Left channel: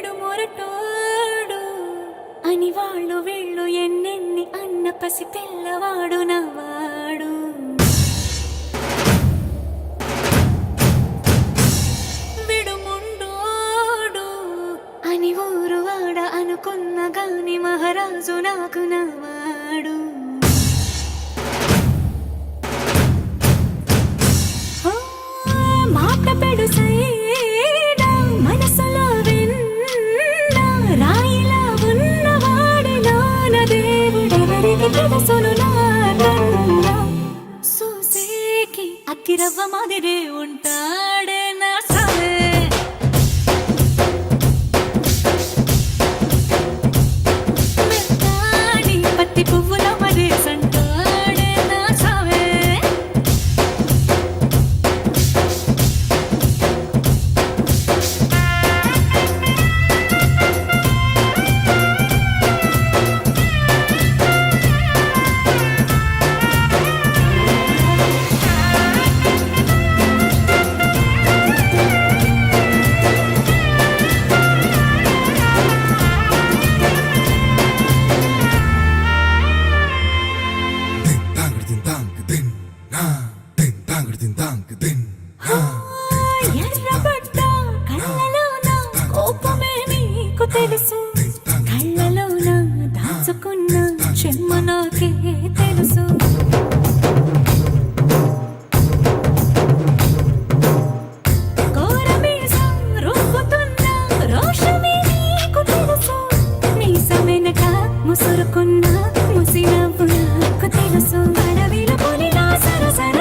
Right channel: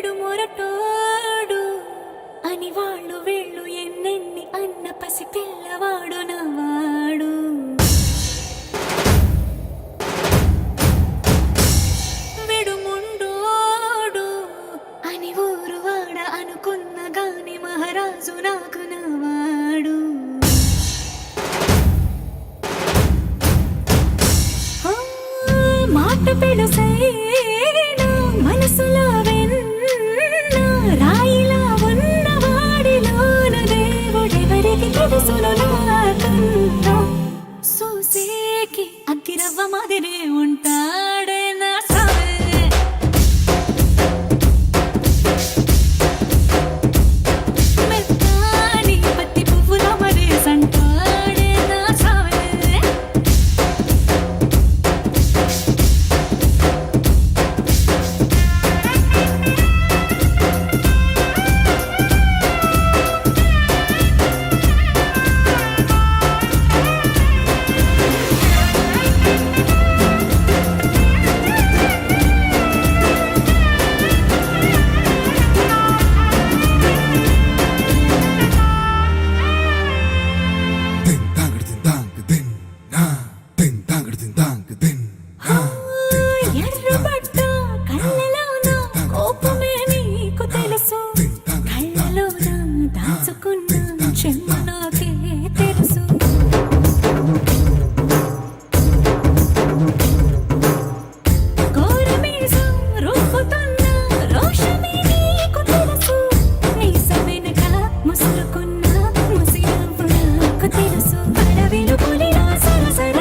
విడు మొరటోడు అని వాళ్ళు వీళ్ళు ఎన్నెన్ని అన్న పసి పిల్లవాడు నవ్వాడు. విడు ముండోడు అని ఊరు వాడ అనుకున్న గాని మహారాజు నాకు నవ్వాడు. మాట పెడుసైనా మనసులో వెన్న రాయిలా ఉన్నవాడిలోన దేవుడెవరికి తెలుసును నాకన్నా. సూసేకి అగ్గిరవ్వ మాదిరి ఉంటాడే నా సావే. మెత్తాని పత్తి పువ్వుల మరి సంటాడే నా సావే. ఎర్రబడ్డ కళ్ళలోన కోపమే నీకు తెలుసు, కళ్ళలోన దాచుకున్న చెమ్మ నాకే తెలుసు. కోరమీసం రుబ్బుతున్న రోషమే నీకు తెలుసు, మీసమెనక ముసురుకున్న ముసినవ్వు నాకు తెలుసు. అడవిలు పులిలా సరసర